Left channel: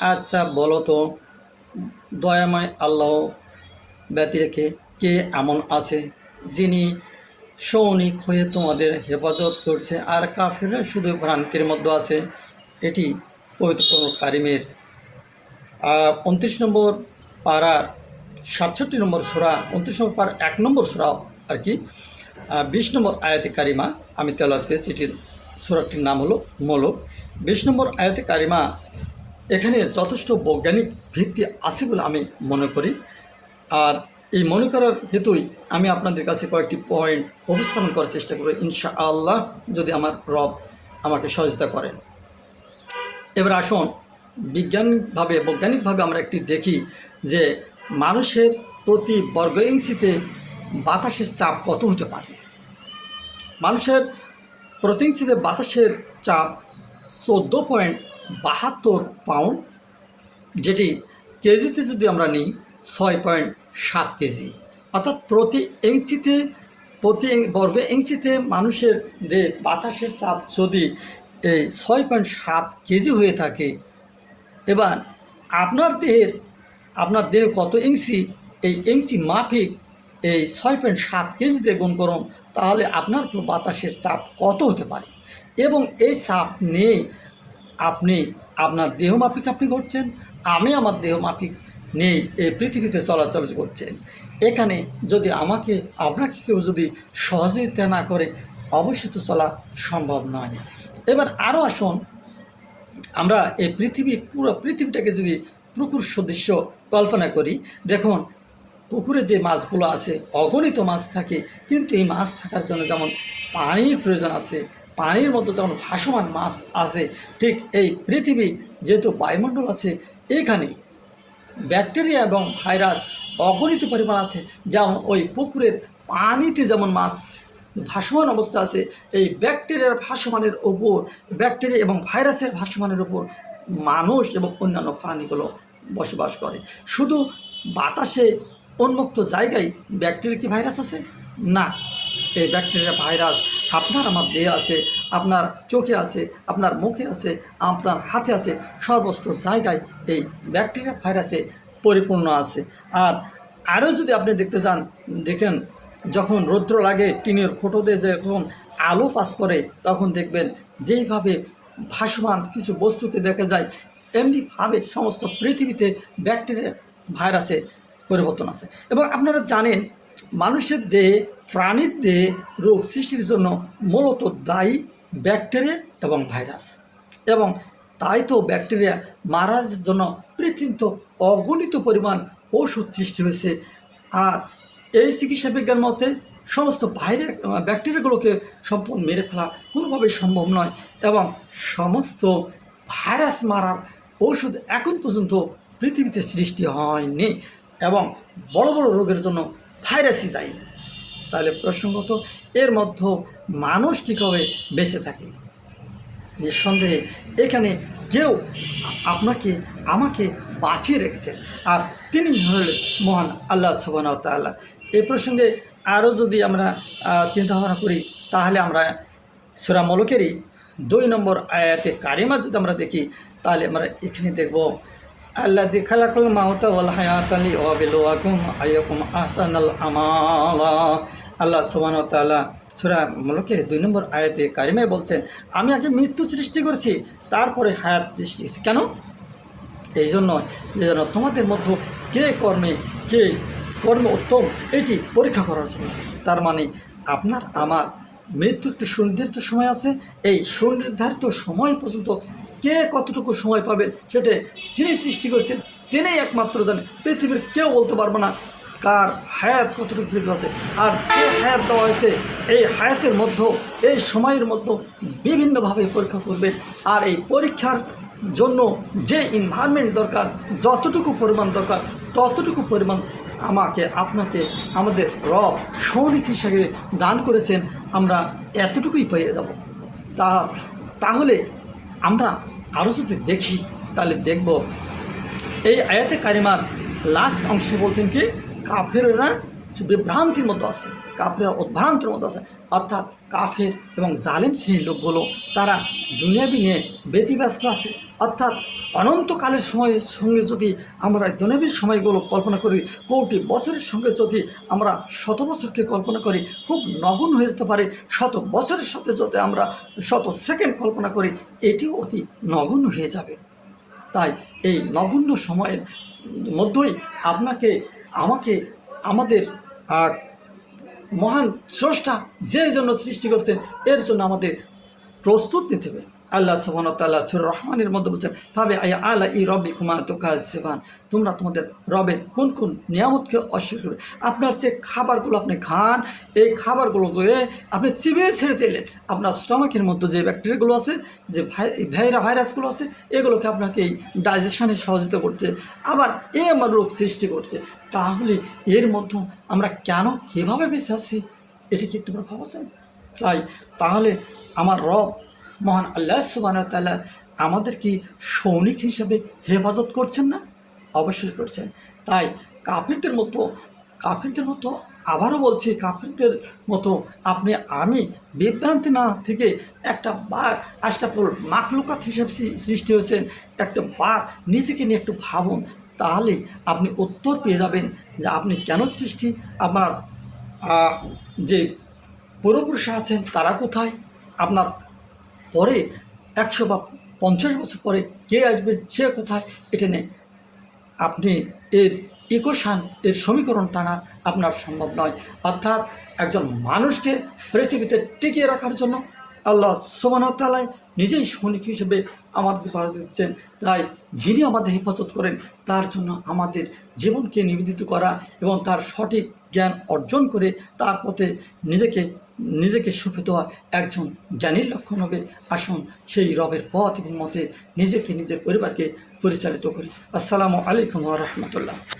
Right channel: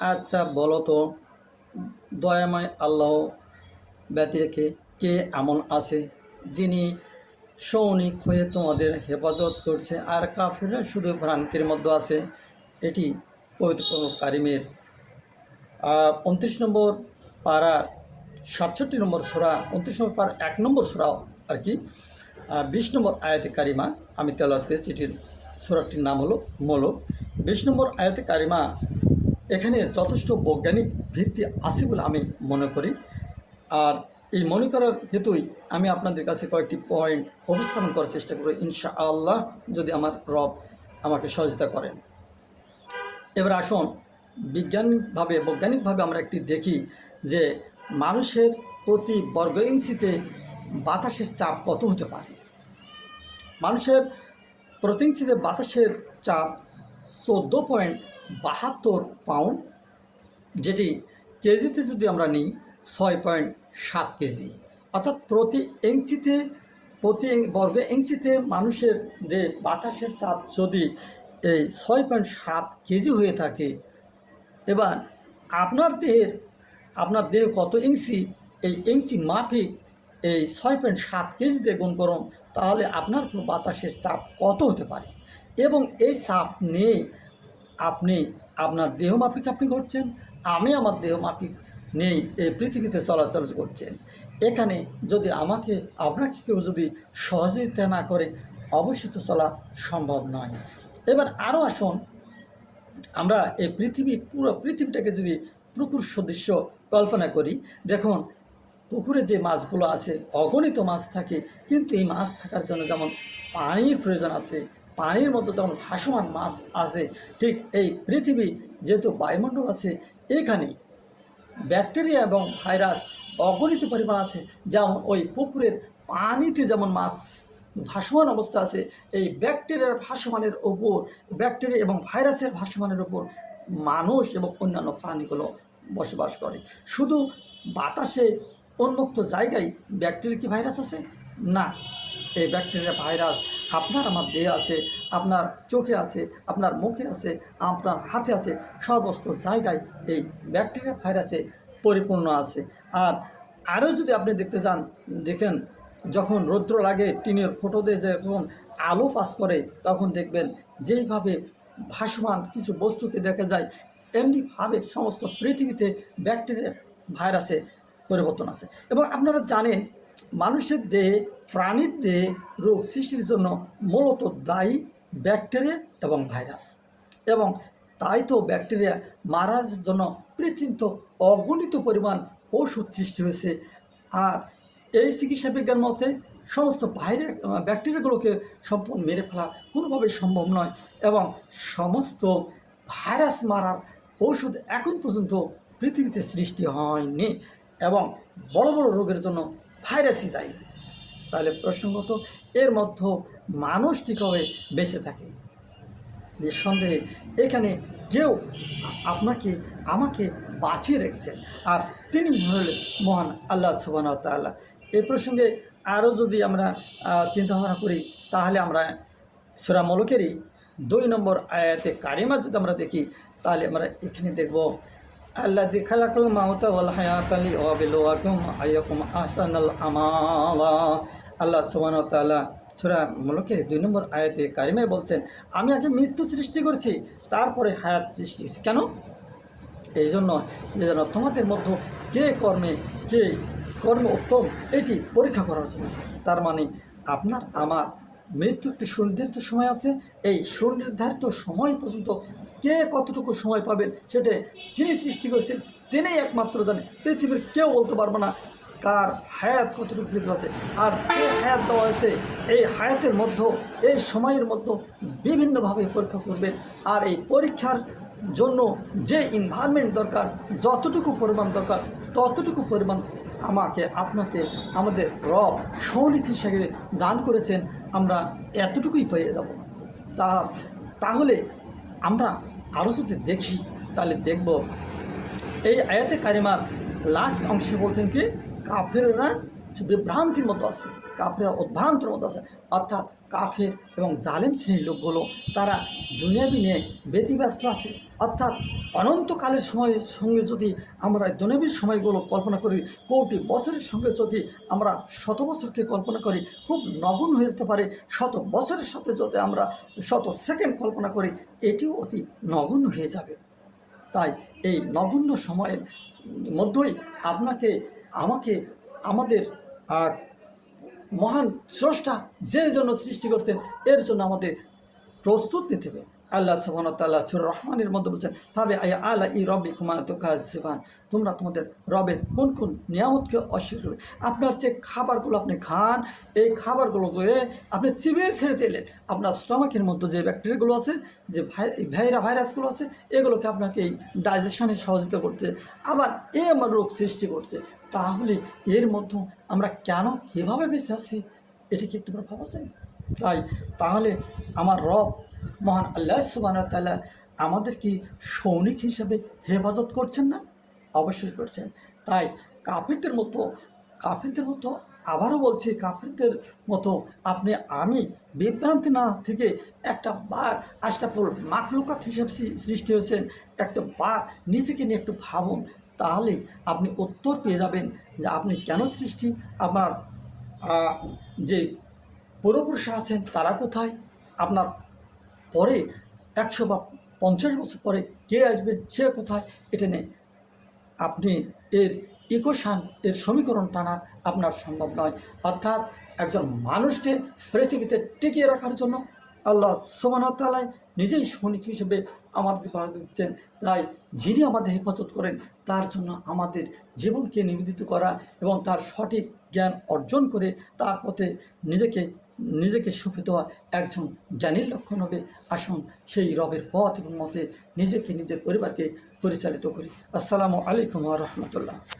আচ্ছা বলো তো, দয়াময় আল্লাহ ব্যতি রেখে কে এমন আছে যিনি সৌনিক হয়ে তোমাদের হেফাজত করছে আর কাফিররা শুধু ভ্রান্তির মধ্যে আছে? এটি পবিত্র কারিমের উনত্রিশ নম্বর পাড়ার সাতষট্টি নম্বর সোরা, উনত্রিশ নম্বর পাড়ার এক নম্বর সোরাও আর কি। বিশ নম্বর আয়াতে কারিমা, আমি তেলাত করেছি, এটির সোরাটির নাম হলো মোলক। বিশ নম্বর আয়াতে কারিমা, এখানে যথেষ্ট বৈজ্ঞানিক ভিত্তি আছে বলে আমি মনে করি। আর এই মনে করার হেতুই আমি আপনাদের কাছে কয়েকটি পয়েন্ট উপস্থাপন করার চেষ্টা করব ইনশা আল্লাহ যদি আমার রব আমাকে সহযোগিতা করেন। এবার আসুন, বিজ্ঞানভাবে, বৈজ্ঞানিকভাবে আমরা একটি দেখি যে মানুষের প্রতি বর্গ ইঞ্চিতে বাতাসের চাপ কত হতে পারে? মানুষের প্রতি ইঞ্চিতে বাতাসের চাপ চোদ্দ পয়েন্ট বাহাত্তর পাউন্ড, যেটি কেজিতে যদি আমরা নিই ছয় পয়েন্ট সাত কেজি। অর্থাৎ প্রতি ইঞ্চিতে, প্রতি বর্গ ইঞ্চিতে মানুষের যে বাতাসের চাপ যদি এই ছয় পয়েন্ট সাত কেজি হয়ে থাকে, এবার আপনার দেহের আপনার দেহ কত ইঞ্চি? এই ইঞ্চি মাফিক এই ছয় পয়েন্ট সাত কেজিতে গুণ করুন, তাহলে আপনার বাতাসের চাপ কত হতে পারে? এবং এই চাপ নিয়ে আপনি, আপনার দেহ মাফিক আপনি করছেন, আমি আমার দেহ মাফিক নিয়ে এই পৃথিবীতে চলাচল করছেন। এখানে যদি আমাকে, আপনাকে কেউ যদি সহযোগিতা না করে, অবশ্যই তো চলা সম্ভব নয়। এবার আরও আসুন, আমরা এই পৃথিবী, পুরো পৃথিবীটাকে যদি পুকুর সদৃশ্য কল্পনা করি, দেখুন, পুকুরে যে মাছগুলো আছে, অগণিত মাছ থাকে, কিন্তু এই মাছ থাকার জন্য যেমন পানির প্রয়োজন আছে, পানির মধ্যে যেমন ভাসমান মাছ আছে, ঠিক এই পৃথিবী যেহেতু বায়ুমণ্ডল আছে, এখানে ব্যাকটেরিয়া এবং ভাইরাস অগণিত পরিমাণ আছে, যেমন ওই পুকুরের পানিতে যেমন মাছ ভাসমান অবস্থা আছে, এই ব্যাকটেরিয়ার ভাসমানের ওপর, ব্যাকটেরিয়া এবং ভাইরাসের ভাসমানের ওপর মানুষ এবং অন্যান্য প্রাণীগুলো বসবাস করে। শুধু বাতাসে উন্মুক্ত জায়গায় ব্যাকটেরিয়া কি ভাইরাস আছে? না, এই ব্যাকটেরিয়া ভাইরাস আপনার আমার দেহে আছে, আপনার চোখে আছে, আপনার মুখে আছে, আপনার হাতে আছে সর্বস্ত জায়গায় এই ব্যাকটেরিয়া ভাইরাসে পরিপূর্ণ আছে। আর আরও যদি আপনি দেখতে চান দেখেন, যখন রৌদ্র লাগে, টিনের ফোটোতে যখন আলো পাস করে, তখন দেখবেন যেইভাবে ভাসমান কিছু বস্তুকে দেখা যায় এমনিভাবে সমস্ত পৃথিবীতে ব্যাকটেরিয়া ভাইরাসে পরিবর্তন আছে। এবং আপনারা জানেন, মানুষের দেহে, প্রাণীর দেহে রোগ সৃষ্টির জন্য মূলত দায়ী ব্যাকটেরিয়া এবং ভাইরাস। এবং তাই তো ব্যাকটেরিয়া মারার জন্য পৃথিবীতে অগণিত পরিমাণ ওষুধ সৃষ্টি হয়েছে। আর এই চিকিৎসা বিজ্ঞান মতে, সমস্ত বাইরে ব্যাকটেরিয়াগুলোকে সম্পূর্ণ মেরে ফেলা কোনোভাবেই সম্ভব নয়। এবং সমস্ত ভাইরাস মারার ওষুধ এখন পর্যন্ত পৃথিবীতে সৃষ্টি হয়নি এবং বড় বড় রোগের জন্য ভাইরাসই দায়ী। তাহলে প্রসঙ্গত এর মধ্যে মানুষ কীভাবে বেঁচে থাকে? নিঃসন্দেহে এখানে কেউ আপনাকে আমাকে বাঁচিয়ে রেখেছেন। আর তিনি হলেন মহান আল্লাহ সুবান তাল্লাহ এই প্রসঙ্গে আরও যদি আমরা আহ, চিন্তা ভাবনা করি তাহলে আমরা সুরা মলকেরই দুই নম্বর আয়াতে কারিমা যদি আমরা দেখি, তাহলে আমরা এখানে দেখব, আল্লাহ খালাকাল মাওতা ওয়াল হায়াত আলী ওয়াবিলওয়াকুম আইয়াকুম আহসানাল আমালা। আল্লাহ সুবহানাহু ওয়া তাআলা সূরা মুলকের দুই নম্বর আয়াতে কারিমায় বলছেন, আমি আগে মৃত্যু সৃষ্টি করছি, তারপরে হায়াত সৃষ্টি কেন? এই জন্য যে যেন তোমাদের মধ্যে কে কর্মে, কে কর্ম উত্তম, এটি পরীক্ষা করার জন্য। তার মানে আপনার, আমার মৃত্যু একটি সুনির্ধারিত সময় আছে। এই সুনির্ধারিত সময় পর্যন্ত কে কতটুকু সময় পাবেন সেটা যিনি সৃষ্টি করেছেন তিনি একমাত্র জানে। পৃথিবীর কেউ বলতে পারবে না কার হায়াত কতটুকু পৃথিবী আছে। আর হায়াত দেওয়া হয়েছে, এই হায়াতের মধ্যে এই সময়ের মধ্যে বিভিন্নভাবে পরীক্ষা করবেন আর এই পরীক্ষার জন্য যে এনভায়রনমেন্ট দরকার, যতটুকু পরিমাণ দরকার, ততটুকু পরিমাণ আমাকে, আপনাকে, আমাদের রব সৈনিক হিসাবে দান করেছেন, আমরা এতটুকুই পেয়ে যাব। তা, তাহলে আমরা আরও যদি দেখি, তাহলে দেখব, এই আয়াতে কারিমার লাস্ট অংশে বলছেন কি, কাফেররা বিভ্রান্তির মতো আছে কাফের উদ্ভ্রান্তির মতো আছে, অর্থাৎ কাফের এবং জালেম শ্রেণির লোকগুলো, তারা দুনিয়াবি নিয়ে ব্যতিব্যস্ত আছে। অর্থাৎ অনন্তকালের সময়ের সঙ্গে যদি আমরা দুনিয়াবির সময়গুলো কল্পনা করি, কোটি বছরের সঙ্গে যদি আমরা শত বছরকে কল্পনা করি, খুব নগণ হয়ে যেতে পারে। শত বছরের সাথে যদি আমরা শত সেকেন্ড কল্পনা করি, এটিও অতি নগণ্য হয়ে যাবে। তাই এই নগণ্য সময়ের মধ্যেই আপনাকে, আমাকে, আমাদের মহান স্রষ্টা যে জন্য সৃষ্টি করছেন, এর জন্য আমাদের প্রস্তুত নিতে হবে। আল্লাহ সুবান তাল্লাহ সুর রহমানের মধ্যে বলছেন ভাবে আয়া আল্লাহ ই রবি কুমা তোকা সেবান তোমরা তোমাদের রবের কোন কোন নিয়ামতকে অস্বীকার করবে? আপনার যে খাবারগুলো আপনি খান, এই খাবারগুলোকে আপনি চিবিয়ে ছেড়ে দিলেন। আপনার স্টমাকের মধ্যে যে ব্যাকটেরিয়াগুলো আছে, যে ভাই- ভাইরা ভাইরাসগুলো আছে, এগুলোকে আপনাকে এই ডাইজেশনে সহযোগিতা করছে, আবার এ আমার রোগ সৃষ্টি করছে। তাহলে এর মধ্যে আমরা কেন কীভাবে বেঁচে আছি? এটি কি একটু ভাবা তাই তাহলে আমার রব মহান আল্লাহ সুবান তাল্লাহ আমাদের কি সৈনিক হিসেবে হেফাজত করছেন না? অবশ্যই করছেন। তাই কাফিরদের মতো কাফিরদের মতো আবারও বলছি, কাফিরদের মতো আপনি, আমি বিভ্রান্তি না থেকে একটা বার আশরাফুল মাকলুকাত হিসেবে সৃষ্টি হয়েছেন। একটা বার নিজেকে নিয়ে একটু ভাবুন, তাহলেই আপনি উত্তর পেয়ে যাবেন যে আপনি কেন সৃষ্টি? আপনার যে পূর্বপুরুষ আছেন তারা কোথায়? আপনার পরে একশো বা পঞ্চাশ বছর পরে কে আসবেন সে কোথায়, এটা নিয়ে আপনি এর ইকোশান এর সমীকরণ টানা আপনার সম্ভব নয়। অর্থাৎ একজন মানুষকে পৃথিবীতে টিকিয়ে রাখার জন্য আল্লাহ সুবাহতালায় নিজেই সৈনিক হিসেবে আমাদের পাড়া দিচ্ছেন। তাই যিনি আমাদের হেফাজত করেন, তার জন্য আমাদের জীবনকে নিবেদিত করা এবং তার সঠিক জ্ঞান অর্জন করে তার পথে নিজেকে নিজেকে সঁপে দেওয়া একজন জ্ঞানীর লক্ষণ হবে। আসুন সেই রবের পথ এবং মতে নিজেকে নিজের পরিবারকে পরিচালিত করি। আসসালামু আলাইকুম রহমতুল্লাহ।